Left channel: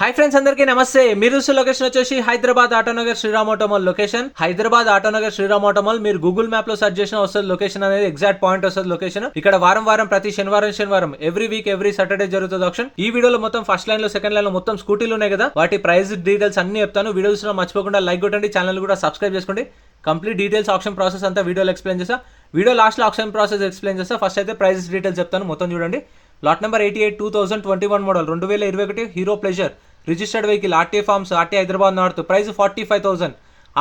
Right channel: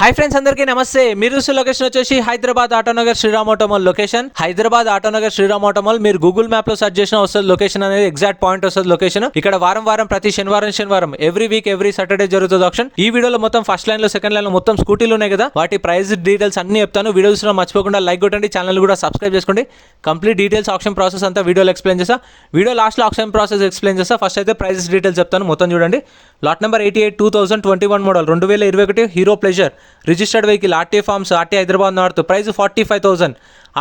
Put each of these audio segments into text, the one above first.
Hi friends, అందరికీ నమస్తే. మీరు లొకేషన్ వచ్చేసి హైదరాబాద్ ఆటోనగర్ శ్రీరామ్ ఆటోమాల్ లొకేషన్. హైదరాబాద్ ఆటోనగర్ శ్రీరామ్ ఆటోమాల్ మీరు గూగుల్ మ్యాప్ లో సర్చ్ చేసిన వస్తుంది లొకేషన్ అనేది ఎగ్జాక్ట్ పాయింట్ వస్తుంది లొకేషన్. ఇక్కడ వారం ప్రతి శనివారం ఎవ్రీ వీక్ ఎవ్రీ సాటర్డే జరుగుతుంది ఆప్షన్. ఈ వీడియోలో మొత్తం ఫస్ట్ లైన్ లో సెకండ్ లైన్ లో మొత్తం స్కూటీలు ఉన్నాయి కదా, వాటి ప్రైస్ డీటెయిల్స్ అన్ని చెప్తాను. వీడియోస్ లో మర్చిపోకుండా లైక్ కొట్టండి, ఛానల్ కూడా సబ్స్క్రైబ్ చేసుకోండి. కంప్లీట్ డీటెయిల్స్ ఆప్షన్ ప్రాసెస్ అంతా వీడియోలో ఎక్స్ప్లెయిన్ చేస్తా. వీడియో లాస్ట్ లో ఆప్షన్ ప్రాసెస్ ఎక్స్ప్లెయిన్ చేస్తా. ఫస్ట్ అయితే ప్రైసెస్ డీటెయిల్స్ చెప్తాను, మొత్తం చూడండి. Lot number 88 2021 model 2021 Hero Pleasure registered vehicle RTA forms RT Hyderabad north. Price 45,000.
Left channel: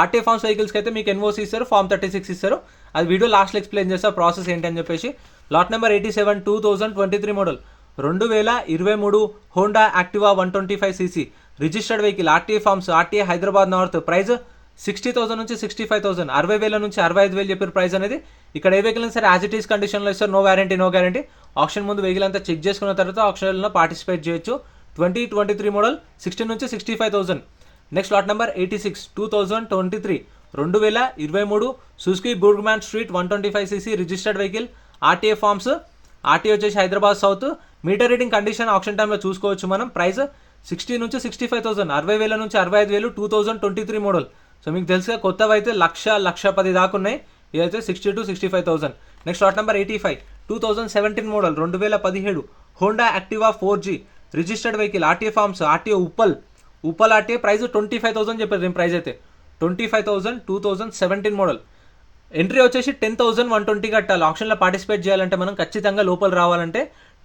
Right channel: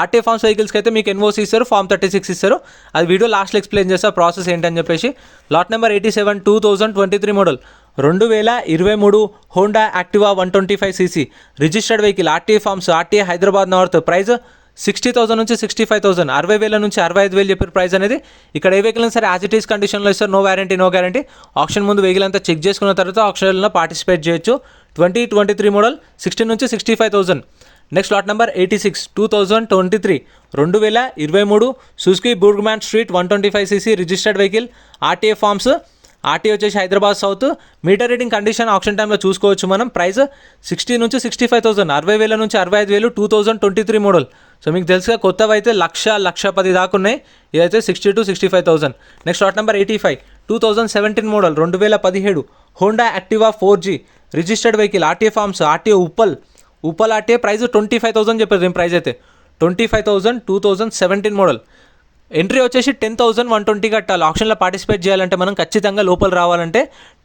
RTA forms వెహికల్స్కి అయితే మీకు ఎన్ఓసి ఇస్తారు, ఫార్మ్ 36 ఇస్తారు. అది వీడియో లాస్ట్లో ఎక్స్ప్లెయిన్ చేస్తా ప్రాసెస్ ఏంటని చెప్పేసి. Lot number 87 2023 model 2023 Honda Activa 125cc registered vehicle RTA forms RTA Hyderabad north. Price 60,000 నుంచి 65,000, 60,000 నుంచి 65,000 చెప్పారు ప్రైస్ అనేది. ఇక్కడ ఏ వెహికల్ సరే యాజ్ ఇట్ ఈస్ కండిషన్లో ఇస్తారు, నో గ్యారంటీ. ఆప్షన్ ముందు వెహికల్ అంతా చెక్ చేసుకున్న తర్వాత ఆప్షన్లో పార్టిసిపేట్ చేయొచ్చు. 2023 మోడల్ 60 నుంచి 65,000. Next lot number 86 2023 2023 Suzuki Burgman street 125cc registered vehicle RTA forms RTA వచ్చేసి Hyderabad south. Meter reading condition auction టైంలో చూసుకోవచ్చు మనం. ప్రైస్ 60 నుంచి 65,000, 60,000 నుంచి 65,000. 2023 మోడల్. సో మీకు తెలుసుగా కొత్తవి అయితే 1,10,000 దాకా ఉన్నాయి. ఇదైతే 60 to 65,000. Next lot number 85 2017 model 2017 Honda Activa 4G registered vehicle RTA forms RTA Uppal RTA. Price 25,000 చెప్పారు. దీని ప్రైస్ అయితే 25,000. 2017 మోడల్. ఎంట్రీ వచ్చేసి 10,120 కట్టాలి. ఆప్షన్లో పార్టిసిపేట్ చేయాలంటే మనం ఖచ్చితంగా లోపల రావాలంటే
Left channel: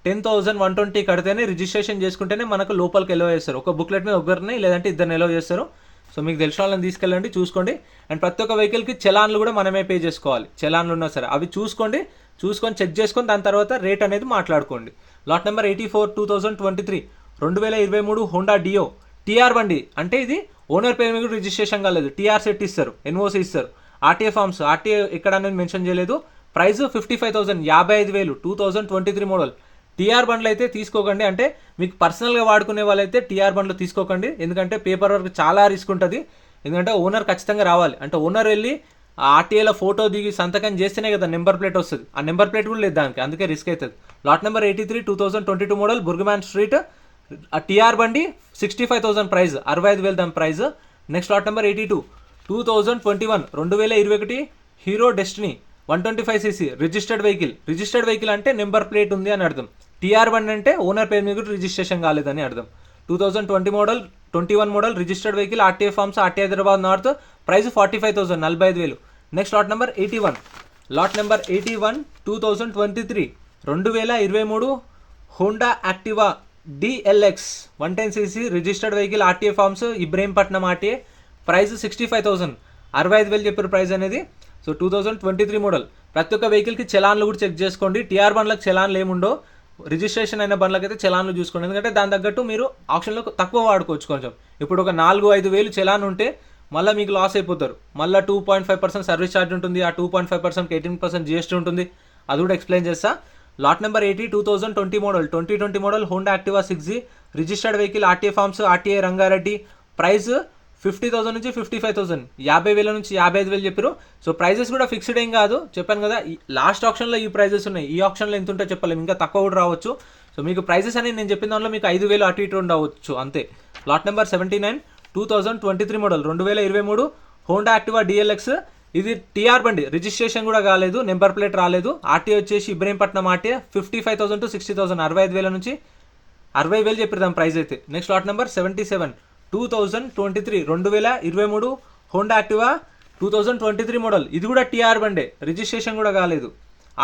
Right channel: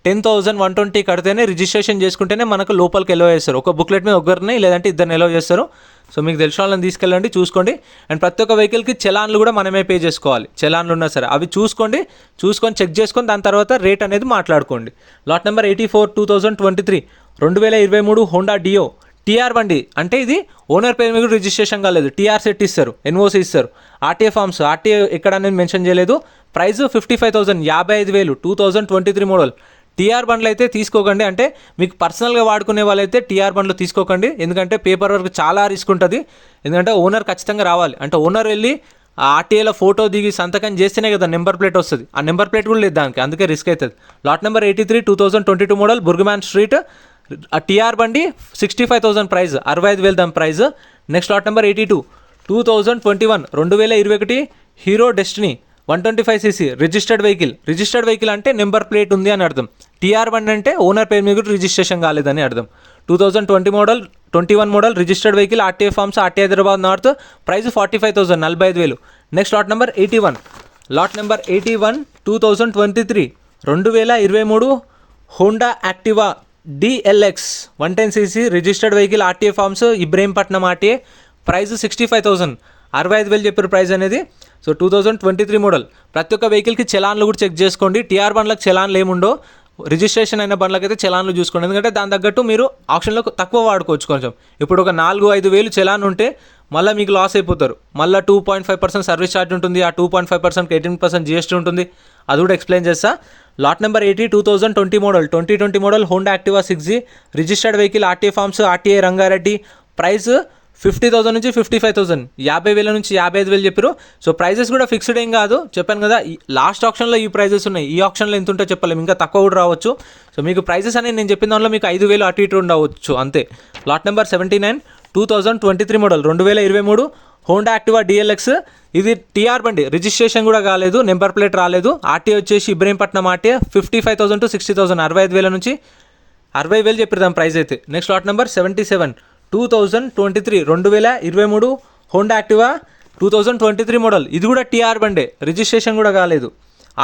10,120 కడితేనే రిజిస్ట్రేషన్ చేసుకుంటేనే మనకు లోపలికి ఎలో చేస్తారు. ఒక బుక్లెట్ మీద ఒకరిని లేదంటే ఇద్దరిని ఎలో చేస్తారు. సో మీకు తెలిసిన వాళ్ళని తీసుకెళ్ళండి, చూసుకోండి. అండ్ ప్రతి ఒక్క వెహికల్కి చలాన్లు కూడా మనమే పే చేసుకోవాలి. చలాన్లు ఉన్నా సరే అవి చూసుకొని చెక్ చేసుకొని దాని తర్వాత రేట్ అనేది మాట్లాడుకోండి. Lot number 84 2023 2023 Honda Dio TR బండి. అంటే ఇది ఓనర్ పేరు మీద రిజిస్ట్రేషన్ కాలేదు, టీఆర్ సెట్ ఇస్తారు, ఎన్ఓసి ఇస్తారు. ఆర్టీఏ ఫార్మ్స్ ఆర్టీఏ ఎక్కడ అనేది మెన్షన్ చేయలేదు. ప్రైస్ 55,000, 55,000. 2023 మోడల్. టీఆర్ బండ్లు అయితే తీసుకోకండి, అంటే మీకు పర్సనల్గా వాడుకునే వాళ్ళైతే టీఆర్ బండ్లు తీసుకోకండి. ఎందుకంటే పేపర్ వర్క్ చాలా రిస్క్ ఉంటుంది. ఎందుకంటే ఓనర్ ఖచ్చితంగా రావాలి, అంటే ఓనర్ వెళ్ళి ఆ ఆర్టీఏలో ఫోటో దిగి సంతకం చేస్తేనే కదా నెంబర్ ప్లేట్ వస్తుంది. ఆ నెంబర్ ప్లేట్ కూడా లేదు దానికి, అందుకే రిస్క్ అవుతుంది. Lot number 83 2022 model Burgman street TR బండి 65,000 ప్రైస్, 65,000 దాని price. Next lot number 82 2021 2021 Hero Destini 125cc registered vehicle అంటే నెంబర్ ప్లేట్ ఉంది అని అర్థం. టీఆర్ బండి అంటే ఓనర్ పేరు మీద కూడా రిజిస్ట్రేషన్ కాలేదని అర్థం. 2021 model registered vehicle RTA forms RTA Hyderabad north. Price 45,000, 45,000. Next lot number 81 2023 2023 Honda Activa DLX 110cc registered vehicle RTA forms Ibrahimpatnam RTA. Price 65,000, 65,000 చెప్పారు ప్రైస్ అనేది. So 2023 model. ప్రతి ఒక్క వెహికల్కి చలాన్లు కూడా చెక్ చేసుకోండి. టీఆర్ బండ్లకు చలాన్లు ఏముండో, రిజిస్ట్రేషన్ అయిన బండ్లకి అయితే చలాన్లు చూసుకోండి. ఎందుకంటే దాని తగ్గట్టు మీరు ఆప్షన్లో తక్కువ వాడుకోవచ్చు కొంచెం. ఇప్పుడు ఒక 4-5 చలాన్ ఉంటే మళ్ళీ మీకు లాస్ అయిపోతారు. మళ్ళీ 2.5% సర్వీస్ ఛార్జ్ ఉంటుంది. ఆ 2.5% 18% GST ఉంటుంది. అది కూడా ఎక్స్ప్లెయిన్ చేస్తా. Lot number 80 2020 model Honda Activa 6G registered vehicle RTA forms RTA Rangareddy. Price 50,000 నుంచి 55,000, 50,000 నుంచి 55,000 చెప్పారు. సో ప్రైజెస్ కూడా ఫిక్స్డ్ ఏం కాదు, చెప్పాను కదా. లాస్ట్ ఆప్షన్లో ఈ ప్రైజెస్ ఉన్నాయి, ఈ ఆప్షన్లో ఎంత ఉంటే చెప్పలేము, ఇంకా తక్కువ కూడా రావచ్చు. సో మీకు ప్రైజెస్ అనేది నేను చెప్పిన దానిలో మీకు 5,000 అటు ఇటు ఉండవచ్చు అంతే. Lot number 79 2023 model 2023 Honda Activa DLX. ఇది టీఆర్ బండి, రిజిస్ట్రేషన్ కూడా కాలేదు, నెంబర్ ప్లేట్ రాలేదు. ఆర్టీఏ వచ్చేసి ఇబ్రహీంపట్నం ఆర్టీఏ. 55,000 to 60,000, 65,000 నుంచి 60,000 చెప్పారు దాని ప్రైస్ అయితే. Next lot number 77 2023 2023 Honda Activa 2023 model. ఇది కూడా టీఆర్ బండే, రిజిస్ట్రేషన్ కూడా కాలేదు.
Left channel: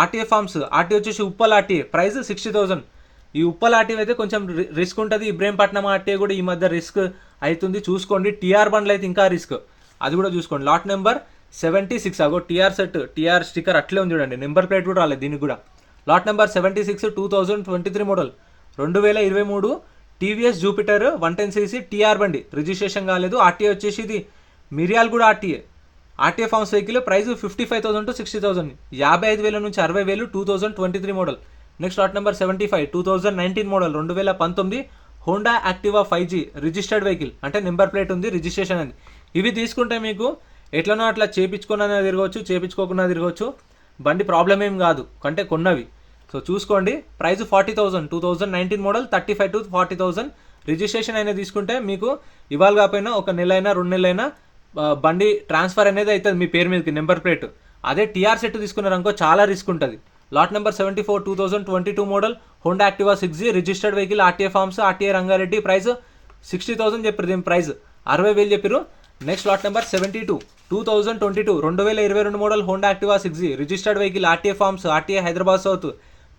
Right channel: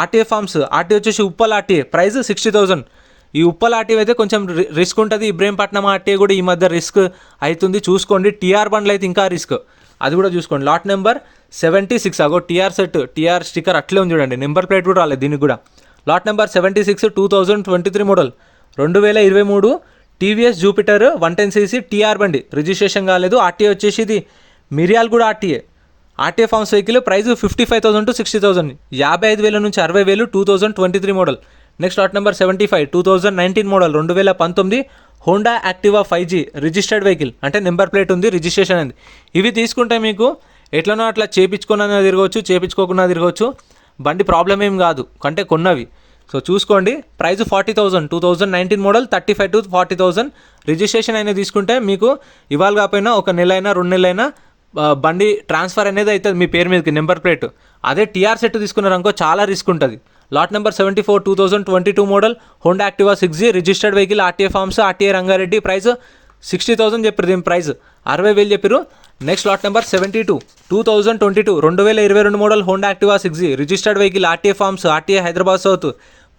ఆర్టీఏ ఫార్మ్స్ ఆర్టీఏ వచ్చేసి ఉప్పల్ ఆర్టీఏ. ప్రైస్ 60,000. ఈ ఉప్పల్ ఆర్టీఏ అయితే కొంచెం రిస్క్ ఉంటుంది. ఇబ్రహీంపట్నం ఆర్టీఏ కూడా ఈ మధ్య రిస్క్ అవుతుంది, చూసుకోండి. టీఆర్ బండ్లు అయితే ఇంకా రిస్క్, అది కూడా చూసుకోండి. లాట్ నెంబర్ 76 అగో టీఆర్ సెట్, టీఆర్ స్టిక్కర్ అట్లే ఉంది చూడండి, నెంబర్ ప్లేట్ కూడా రాలేదు దీనికి కూడా. Lot number 76 2023 model 2023 TVS Jupiter 110cc TR బండి, రిజిస్ట్రేషన్ కాలేదు. ఆర్టీఏ వచ్చేసి ఇది Miryalaguda RTA forms vehicle. Price 55,000 to 60,000, 55,000 నుంచి 60,000. 2023 model. Next lot number 75 2019 model 2019 Honda Activa 5G registered vehicle, అంటే నెంబర్ ప్లేట్ ఉంది, రిజిస్ట్రేషన్ అయింది. ఇవి తీసుకుంటే మీకు ఎట్లనో అట్లా చేపించుకున్నా తిరగవచ్చు, చేపించుకోకుండా తిరగవచ్చు. బండి ప్రాబ్లం ఏం కాదు, అంటే కొన్నవి. సో చూసుకోండి, ప్రైస్ 40,000, 2019 మోడల్, 35 to 40,000. రిజిస్ట్రేషన్ అయినా తీసుకుంటే మీకు ఇవాళ కాకపోయినా ఒక నెల అయినా 2 నెలలైనా బండి ట్రాన్స్ఫర్ అనేది అవుతుంది మీ పేరు మీదకి, నెంబర్ ప్లేట్. అదే టీఆర్ సెట్ తీసుకున్నారనుకో చాలా రిస్క్ ఉంటుంది. Lot number 74, 2022 model, Honda Activa 6G, registered vehicle, RTA forms, RTA Rangareddy. Price 60,000 చెప్పారు, దీని ప్రైస్ 60,000 చెప్పారు. Next lot number 72, 2022, 2022 model, Honda Activa 6G, registered vehicle, RTA forms, RTA Hyderabad south.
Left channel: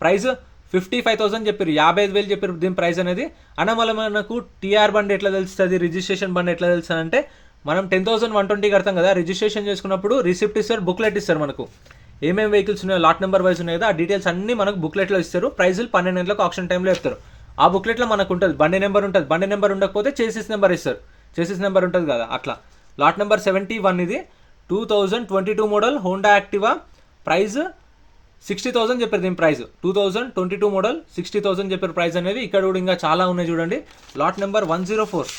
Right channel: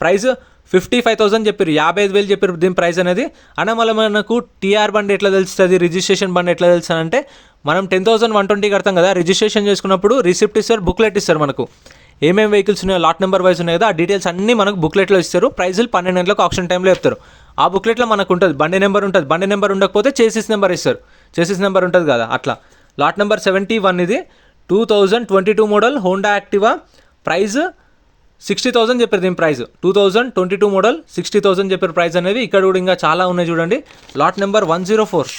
Price 55,000 చెప్పారు, 55,000 చెప్పారు దీని ప్రైస్ అనేది. అన్న మళ్ళీ మనకు టీఆర్ బండి ఎట్లా తెలుస్తుంది, రిజిస్ట్రేషన్ బండి ఎట్లా తెలుస్తుంది అంటే, మనం 10,120 కడతాం కదా రిజిస్ట్రేషన్ చేసుకున్నప్పుడు, రిసిప్ట్ ఇస్తారు, బుక్లెట్ ఇస్తారు మనకు. ఏమేమి వెహికల్స్ ఉన్నాయో లాట్ నెంబర్ వైజ్ ఉన్నాయి కదా, ఆ డీటెయిల్స్ అన్నీ మనకు బుక్లెట్లో ఇస్తారు. ప్రైజులు 12 గంటలకు ఆప్షన్ టైంలో చెప్తారు. ఆ బుక్లెట్లో మనకు ఉంటుంది, బండి నెంబర్ ఉంటుంది. బండి నెంబర్ ఉండకపోతే చేసిస్ నెంబర్ ఇస్తారు, చేసిస్ నెంబర్ ఉంటుంది కదా అట్లా. లాట్ నెంబర్ 71 ఇది 2022 మోడల్, హోండా యాక్టివా. ప్రైస్ 60,000 చెప్పారు దీని ప్రైస్. 2022 మోడల్, 60,000 చెప్పారు ప్రైస్ అనేది. ఇక్కడ కూడా ఇంకా చాలా ఉన్నాయి చూడండి. లాట్ నెంబర్ 104,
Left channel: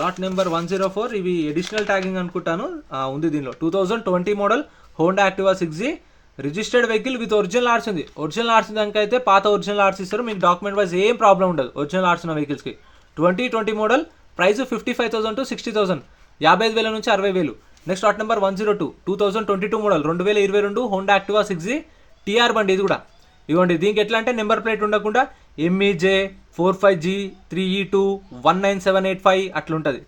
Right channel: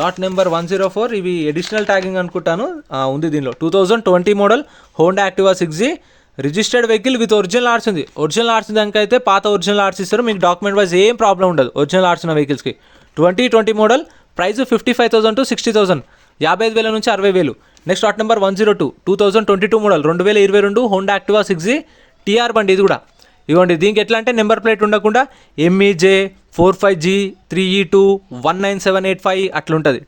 లాట్ నెంబర్ 104, ఇవి అడిషనల్ ట్యాగింగ్ అనుకుంటాను, ఉంది దీనిలో. 2020 model, Honda Activa 6G, registered vehicle with original arts ఉంది. ఒరిజినల్ ఆర్ట్స్ దానికి అయితే పాత ఒరిజినల్ ఆర్ట్స్ ఇస్తారు, మీకు డాక్యుమెంట్ వైజ్ ఏం ప్రాబ్లం ఉండదు ఒరిజినల్ ఆర్ట్స్ ఉన్న వెహికల్స్కి. 2020 మోడల్, ప్రైస్ 55,000 to 60,000, 55,000 నుంచి 60,000. Next lot number 102, 2022 model, 2022 Honda Activa 6G, TR బండి ఇది కూడా. ఇవ్వండి, దీనికి ఎట్లా అంటే నెంబర్ ప్లేట్ ఉండకుండా MEJ 45G 3E2 19785 అట్లా ఉంటుంది.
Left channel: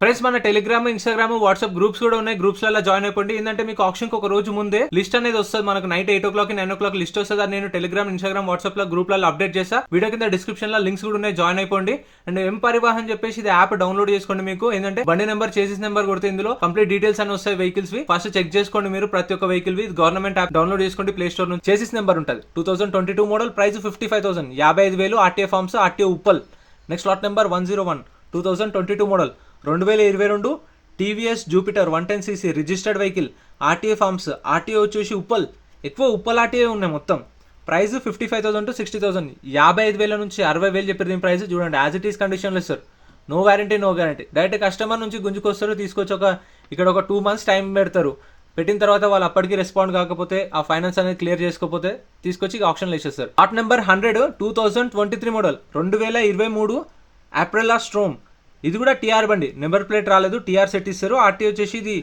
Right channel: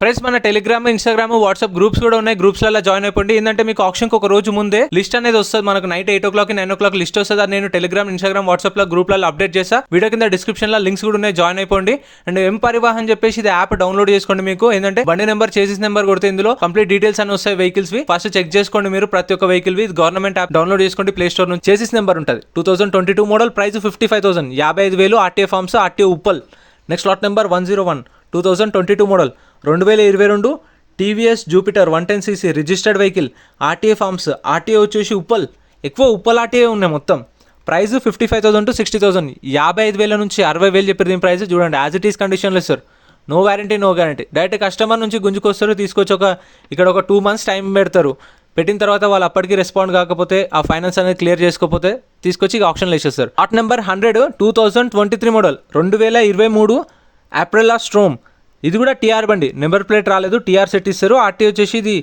ఫ్రెండ్స్, మన టెలిగ్రామ్, ఇన్స్టాగ్రామ్, వాట్సాప్ గ్రూప్స్ కూడా ఉన్నాయి. గ్రూప్స్లలో జాయిన్ అయిపోండి. ఏంటంటే మీకు ఆప్షన్కి ఒక రోజు ముందే లిస్ట్ అనేది వస్తుంది మనకు. నైట్ 8 o'clock 9 o'clock లిస్ట్ వస్తుంది. అది నేను టెలిగ్రామ్, ఇన్స్టాగ్రామ్, వాట్సాప్లో గ్రూప్లలో అప్డేట్ చేస్తా. వీడియో కింద డిస్క్రిప్షన్లో లింక్స్ కూడా ఉన్నాయి, జాయిన్ అయిపోండి. అండ్ ఎం పరివాహన్ చెప్పేసి ఇది యాప్ డౌన్లోడ్ చేసుకోండి. మీకు ఏంటంటే బండి నెంబర్, చేసిస్ నెంబర్ కొడితే ఇందులో కంప్లీట్ డీటెయిల్స్ అని వస్తాయి వెహికల్స్వి. ఫస్ట్ చెక్ చేసుకోండి మీరు ప్రతి ఒక్క వెహికల్వి. గవర్నమెంట్ యాప్ డౌన్లోడ్ చేసుకోండి ప్లే స్టోర్ నుంచి. చేసిస్ నెంబర్ ఉంటుంది. 2022 model, price 55,000, 55,000, RTA forms, RTA Uppal. Next lot number 101, 2022 model, 2022 TVS Jupiter 110cc, registered vehicle, RTA forms, RTA వచ్చేసి ఉప్పల్. ఎక్కువ ఉప్పల్ ఆర్టీఏ ఉన్నాయి మొత్తం. ప్రైస్ 55,000 to 60,000, 55,000 నుంచి 60,000 చెప్పారు దీని ప్రైస్. చూడండి, యాజ్ ఇట్ ఈస్ కండిషన్లో ఇస్తారు. No warranty, no guarantee. Direct customer నుంచి గుంజుకొస్తారు, తీసుకొచ్చి ఇక్కడ ఒక 2 months టైం పెడతారు. పెట్టిన తర్వాత వాళ్ళు అప్పటికి రెస్పాండ్ కాకపోతే, ఆ ఫైనాన్స్ అనేది క్లియర్ చేసుకోకపోతే తీసుకొచ్చి ఆప్షన్లో వేసేస్తారు. Lot number 100, 2023 model, 2023 Aprilia Storm. ఇది కూడా టీఆర్ బండి, నెంబర్ ప్లేట్ రాలేదు, టీఆర్ సెట్ ఇస్తారు. ఆర్టీఏ వచ్చేసి ఇది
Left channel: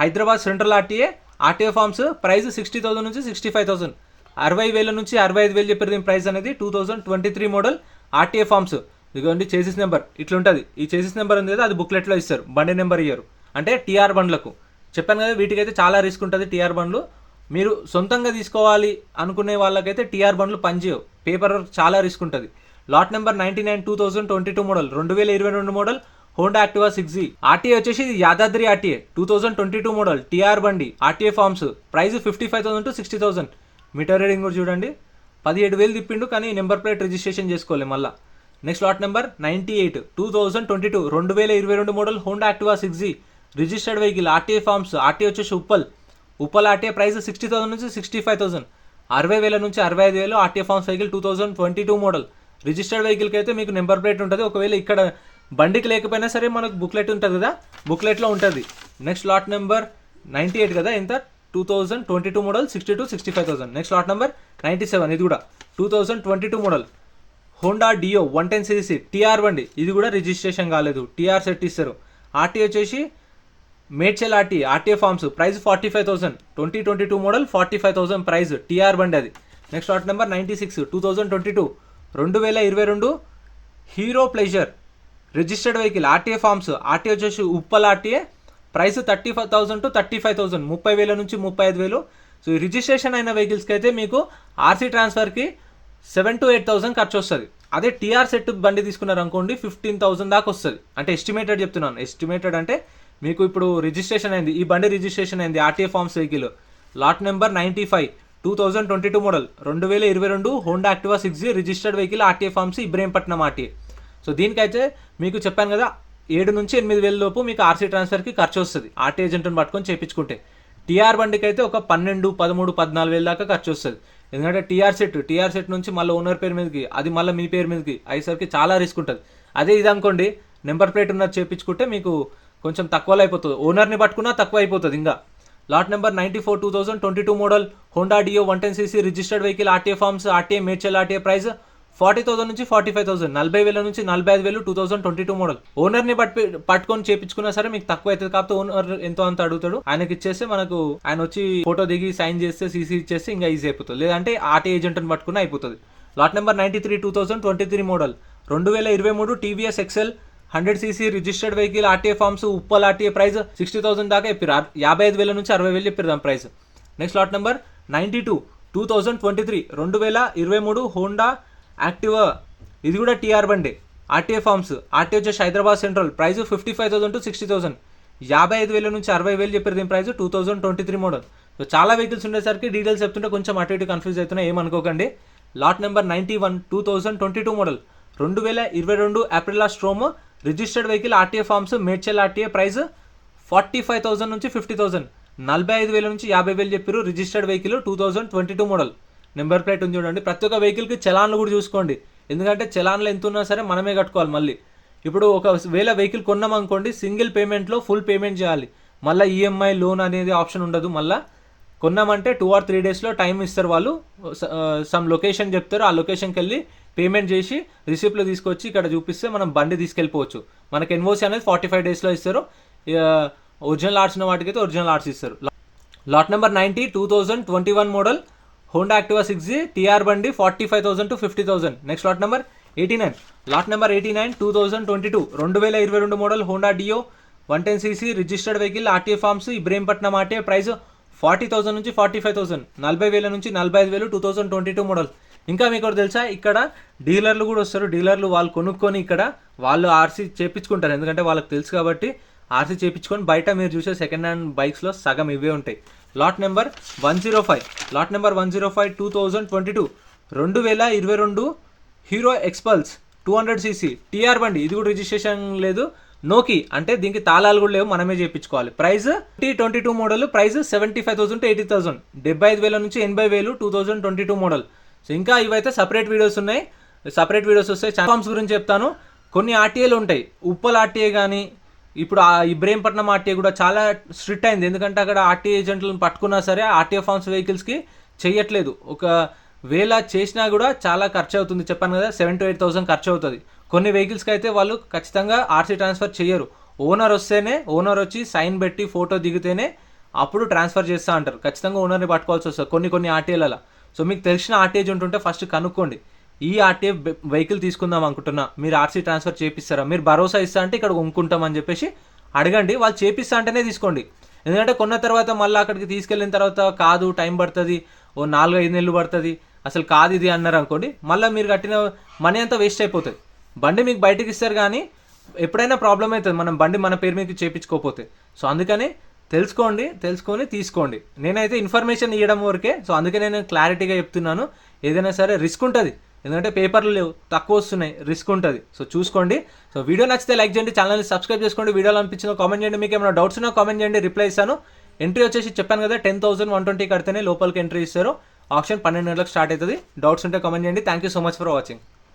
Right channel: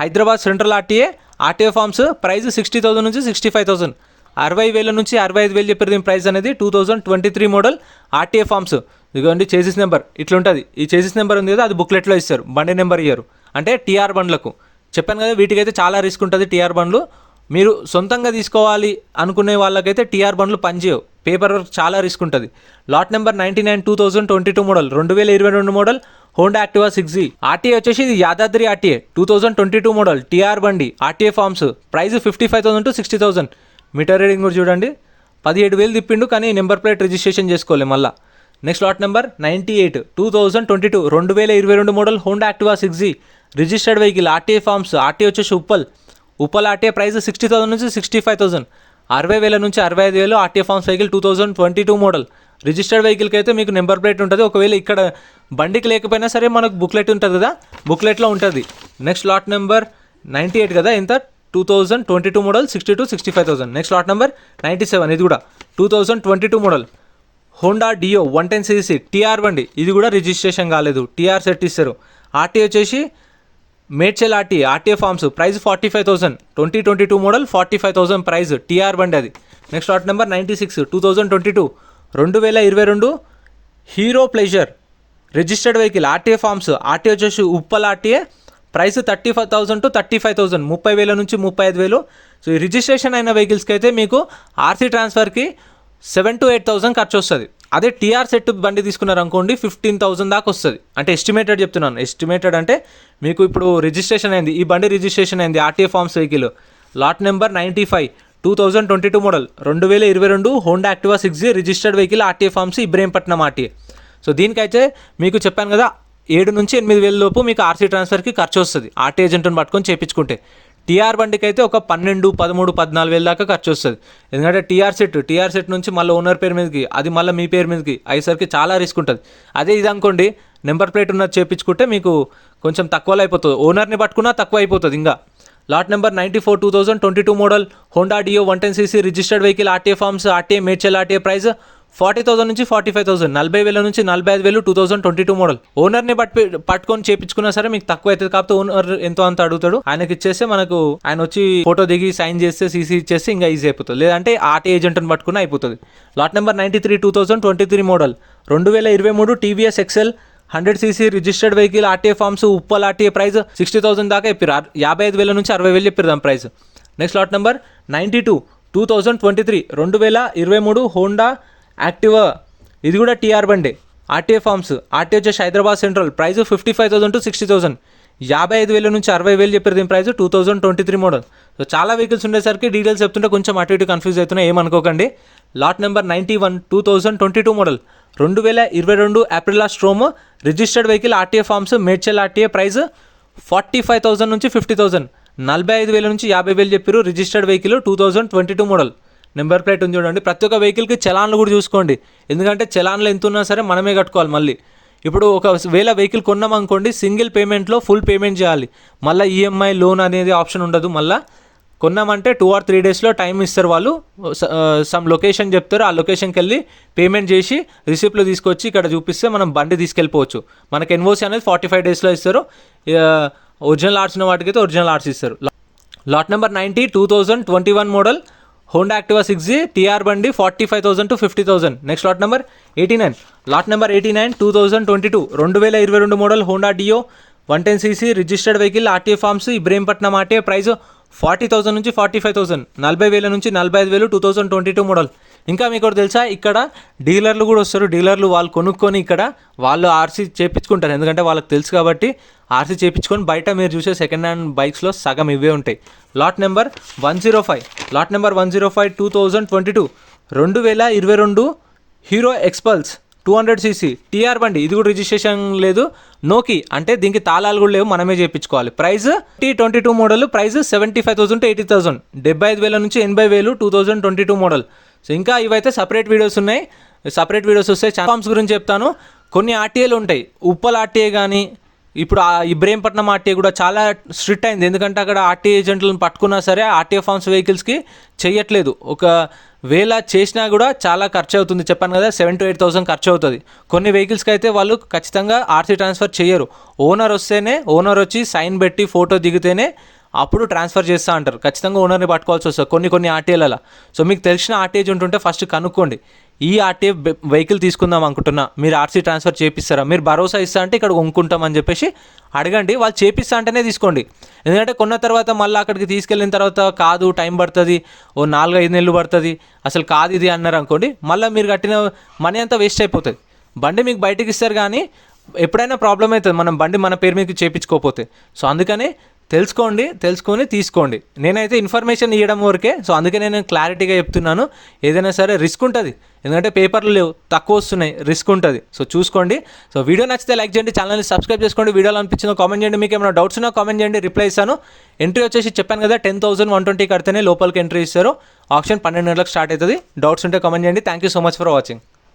Hyderabad central RTA, RTA forms. Price 60,000 నుంచి 65,000, 60,000 నుంచి 65,000 చెప్పారు దీని ప్రైస్ అనేది. 2023 మోడల్, ఆర్టీఏ ఫార్మ్స్. ఇదిగోండి చేసిస్ నెంబర్ ఇట్లా ఉంటుంది. ఈ చేసిస్ నెంబర్ ఉంది కదా, అది బుక్లెట్లో ఇస్తారు, బండి నెంబర్ ఇయ్యరు. అంటే టీఆర్ బండ్లకు చెప్పాను కదా, వీటికైతే చాలా రిస్క్ ఉంటుంది టీఆర్ బండ్లు. మీరు సొంతంగా తీసుకోవాలి అనుకునే వాళ్ళకైతే టీఆర్ బండ్లు పనిచేయవు, పేపర్ వర్క్ చాలా రిస్క్ ఉంటుంది. Lot number 99, 2022 model, 2022 model, Honda Activa 6G, RTA వచ్చేసి ఇది యాదాద్రి ఆర్టీఏ, 2022 మోడల్, టీఆర్ బండి, RTA forms. Price 55,000 to 60,000. Meter reading కూడా చూడండి, 17,000 తిప్పిండు, కానీ నెంబర్ ప్లేట్ రిజిస్ట్రేషన్ చేసుకోవాలి మళ్ళీ. Next lot number 98, 2022, 2022 model, Honda Activa 6G, registered vehicle, RTA forms, RTA వచ్చేసి Uppal RTA. Price 60,000 నుంచి 65,000, 60,000 నుంచి 65,000, RTA forms vehicle. 2022 model, registered వెహికల్కి అయితే మీకు నెంబర్ ప్లేట్ ఉంటుంది. ఒకవేళ ఇక్కడ బండికి లేకపోయినా సరే మనకు బుక్లెట్ ఉంటుంది కదా, బుక్లెట్లో ఉంటుంది. నెక్స్ట్ లాట్ నెంబర్ 98 కదా, ఎంత 2022 model, 60 to 65,000. Next lot number 97, ఇది కూడా 2022 model, Honda Dio 110cc, TR బండి. ఇది కూడా రిజిస్ట్రేషన్ కాలేదు, టీఆర్ సెట్ ఇస్తారు. ఆర్టీఏ వచ్చేసి Medchal RTA, RTA forms. Price 45,000, 2022 model, 45,000 price, TR బండి అది. Next lot number 96, 2022, 2022 Hero Pleasure, registered vehicle, RTA forms, RTA వచ్చేసి ఉప్పల్ ఆర్టీఏ. ప్రైస్ 35,000 to 35,000, 30,000 నుంచి 35,000. సో ఈ రిజిస్ట్రేషన్ అయిన వెహికల్స్కి అయితే మీకు ఆర్సీ ట్రాన్స్ఫర్కి 7,000 to 8,000 ఖర్చు వస్తుంది. అదే టీఆర్ సెట్ బండి తీసుకున్నారు అనుకోండి 15,000 దాకా వస్తుంది. అంటే ఎస్టిమేటెడ్ చెప్తున్నాను, ఎస్టిమేటెడ్ అంటే మీకు ఇప్పుడు రిజిస్ట్రేషన్ అయింది, ఈ బండి రిజిస్ట్రేషన్ అయింది, RTA forms vehicle. Lot number 95, 2022 model, 2022 Honda Activa 6G, registered vehicle, RTA forms, Ibrahimpatnam RTA. So దీనికైతే మీకు చెప్పాను కదా 7,000 నుంచి 8,000 లోపు మీకు ఆర్సీ ట్రాన్స్ఫర్కి ఖర్చు వస్తుంది, ఆర్టీఏ ఏజెంట్ని పట్టుకొని చేయించుకుంటే. టీఆర్ బండికి అయితే ఒక 12,000, 13,000, 14,000 దాకా ఖర్చు వస్తుంది. ఎందుకంటే టీఆర్ సెట్ నుంచి మళ్ళీ ఓనర్ పేరు మీదకి, అది మళ్ళీ మీ పేరు మీదకి అయ్యేసరికి చాలా రిస్క్ ఉంటుంది. అదే ఇది అనుకోండి, నెంబర్ ప్లేట్ ఉన్నది చేయించుకుంటే మీకు కొంచెం తక్కువలో అయిపోతుంది, ఓనర్ని పట్టుకున్నా తక్కువ అయిపోతుంది. ఇంకా lot number 94 2022 model Honda Dio 110cc registered vehicle RTA forms RTA Medchal RTA price 40,000 నుంచి 45,000, 40,000 నుంచి 45,000, 2022 మోడల్. ఓనర్ని పట్టుకొని చేపించుకున్నా సరే మీకు తక్కువ అవుతుంది. కాకపోతే ఓనర్ ఎంతో అంత అడుగుతాడు, ఆయనకి ఇచ్చేస్తే మనకు ఆయన వచ్చి ఫోటో దిగి సైన్ చేస్తే సీసీ ఇచ్చేస్తే ఇంకా ఈజీ అయిపోతుంది. లేదంటే ఆర్టీ ఏజెంట్ని పట్టుకుని అయిపోతుంది. Lot number 93 2023 model 2023 TVS XL 100cc registered vehicle RTA forms Uppal RTA price 60,000 దాకా చెప్పారు. 55,000 నుంచి 60,000 చెప్పారు దాని price. Next lot number 92 2023 2023 Honda Activa, ఇది కూడా టీఆర్ బండి ఆర్టీఏ ఫార్మ్స్ ఆర్టీ వచ్చేసి హైదరాబాద్ సెంట్రల్ ప్రైస్ 55,000 to 60,000, 55,000 నుంచి 60,000 చెప్పారు దీని ప్రైస్. 2023 మోడల్. సో చాలా వెహికల్స్ ఉండేసరికి డీటెయిల్స్ చెప్తుంటే కొంచెం అటు ఇటు కన్ఫ్యూజ్ అవుతున్నాయి, ఏమనుకోకండి. Lot number 91 2022 model 2022 Aprilia Storm registered vehicle RTA forms Medchal RTA price 45,000 నుంచి 50,000, 45,000 నుంచి 50,000 చెప్పారు. Registered vehicle 2022 model. Number plate ఉంది చూడండి. ప్రతి ఒక్క వెహికల్కి చలాన్లు కూడా చూసుకోండి, ఎందుకంటే చలాన్లు ఎంత ఉన్నా సరే మనమే కట్టుకోవాలి. మళ్ళీ ఇప్పుడు ఒకవేళ వెహికల్ కొన్నాం అనుకోండి, సింగిల్ పేమెంట్లో ఫుల్ పేమెంట్ చేయాలి. మళ్ళీ ఈఎంఐ లోన్ అనేది ఆప్షన్ ఉండదు. మళ్ళీ కొన్నామంటే 2 or 3 డేస్లో టైం ఇస్తారు వాళ్ళు. సమ్ లొకేషన్ చెప్తారు, ఆ లొకేషన్కి వెళ్ళి పేమెంట్ చేసి రిసిప్ట్లు తీసుకొచ్చి ఇక్కడ చూపిస్తే మనం బండి తీసుకెళ్ళిపోవచ్చు. మనకి ఎన్ఓసి అనేది 45 డేస్లో ఇస్తారు. ఒరిజినల్ ఆర్ట్స్ ఉన్న వాటికైతే ఒరిజినల్ ఆర్ట్స్ ఇస్తారు. Lot number 90 2021 model Honda Activa 6G TR బండి 45,000 to 50,000. Next lot number 89 lot number 89 2022 2022 model Honda Dio 110cc registered vehicle RTA forms Ibrahimpatnam RTA price 40,000 నుంచి 45,000, 40,000 నుంచి 45,000, 2022 మోడల్. ఇంకా మీకు తెలుసా, ఇక్కడ డీలర్లు కూడా వస్తారు. డీలర్లు వాళ్ళు కొనుక్కొని ఇక్కడ వాళ్ళు ఆర్సీ చేయించుకుంటారు, ఎందుకంటే వాళ్ళకి తెలుసు కాబట్టి ఆర్సీ చేయించుకొని బయట మీరు చూసే సెకండ్ హ్యాండ్ బైక్స్లో సగం ఇవే ఉంటాయి. Lot number 105 lot number 105 2022 2022 Hero Xpulse 200cc TR బండి, ఇది కూడా రిజిస్ట్రేషన్ లేదు, నోకి అంటే దీనికి తాళాలు కూడా లేవు, మనమే చేయించుకోవాలి. ప్రైస్ 2022 మోడల్ ప్రైస్ 75,000 to 80,000, 75,000 నుంచి 80,000, 2022 మోడల్. సో ఇంకా ఇవైతే సపరేట్ వీడియోస్ ఉన్నాయి, సపరేట్ వీడియోస్ వస్తాయి. ఫార్మ్స్ గురించి చెప్తాను. కొన్ని ఆర్టీఏలు ఉంటాయి, ఉప్పల్ ఆర్టీఏ కానీ ఇప్పుడు ఇబ్రహీంపట్నం ఆర్టీఏ కూడా చాలా స్ట్రిక్ట్ అయింది, ఎందుకంటే అక్కడ ఆర్టీఏ ఏజెంట్లను పట్టుకున్నా సరే ఆర్టీఏ ఫార్మ్స్ వెహికల్స్కి చేయట్లేదు. ఒకవేళ చేసినా కూడా చాలా ఖర్చు అవుతుంది, చెప్పాను కదా 7,000 to 8,000 ఖర్చు అవుతుంది. కొన్ని వెహికల్స్కి అయితే వాళ్ళు ఖచ్చితంగా ఆర్సీ ట్రాన్స్ఫర్ చేయరు. ఓనర్ వస్తేనే, ఓనర్ వచ్చి సైన్ పెట్టి ఫోటో దిగితేనే అప్పుడు ట్రాన్స్ఫర్ చేస్తూ అంటారు. ఖచ్చితంగా ఓనర్ని పట్టుకోవాల్సి వస్తుంది కొన్ని ఆర్టీఏలలో. సో మీకు తెలిసిన ఆర్టీఏ ఏజెంట్ ఉంటే ఫస్ట్ కనుక్కోండి, ఈ ఆర్టీఏ వెహికల్ తీసుకుందాం అనుకుంటున్నా, మీరు ఆర్సీ ట్రాన్స్ఫర్ చేపిస్తారా, మీరు భరోసా ఇస్తా అంటే ఇక్కడ కొనుక్కుంటామని చెప్పేసి అడగండి. వాళ్ళు చేపిస్తా అంటేనే తీసుకోండి, ఎందుకంటే కొన్న తర్వాత మళ్ళీ అక్కడికి తీసుకెళ్ళిన తర్వాత కాదు, టైం పడుతుంది, 4-5 నెలలు పడుతుంది, అసలు కాదు ఇది అన్నారు అనుకోండి, మళ్ళీ మీరు కట్టిన మనీ అంతా వేస్ట్ అయిపోతుంది. బండి మీకు బయటకి ఇస్తారు కానీ ఎప్పుడైనా ప్రాబ్లం అవుతుంది మనం బండి మన పేరు మీకు చేయించుకోకపోతే. సో అందుకనే తెలుసుకొని తీసుకోండి. నేనైతే ఇన్ఫర్మేషన్ ఇవ్వడం వరకే, సో అందుకే నేను క్లారిటీగా చెప్తున్నాను. ఏదైనా సరే రిస్క్ ఉంటుంది, ఎందుకంటే పేపర్లు లేవు, తక్కువ వస్తున్నాయి, రిస్క్ ఉంటుంది. సో చూసుకోండి. సో వీడియో నచ్చితే లైక్ చేయండి, ఛానల్ని సబ్స్క్రైబ్ చేసుకోండి. వీడియోలో అనిపించిందో కామెంట్ చేయండి, మీకు ఏమైనా డౌట్స్ ఉన్నా కామెంట్ చేయండి, రిప్లై ఇస్తాను. ఎంట్రీ వచ్చేసి చెప్పాను కదా 10,120 కడితేనే లోపలికి ఎంట్రీ ఇస్తారు. ఆప్షన్ 12 గంటలకు స్టార్ట్ అవుతుంది. డౌట్స్ ఉంటే కామెంట్ చేయండి. Thank you so much for watching.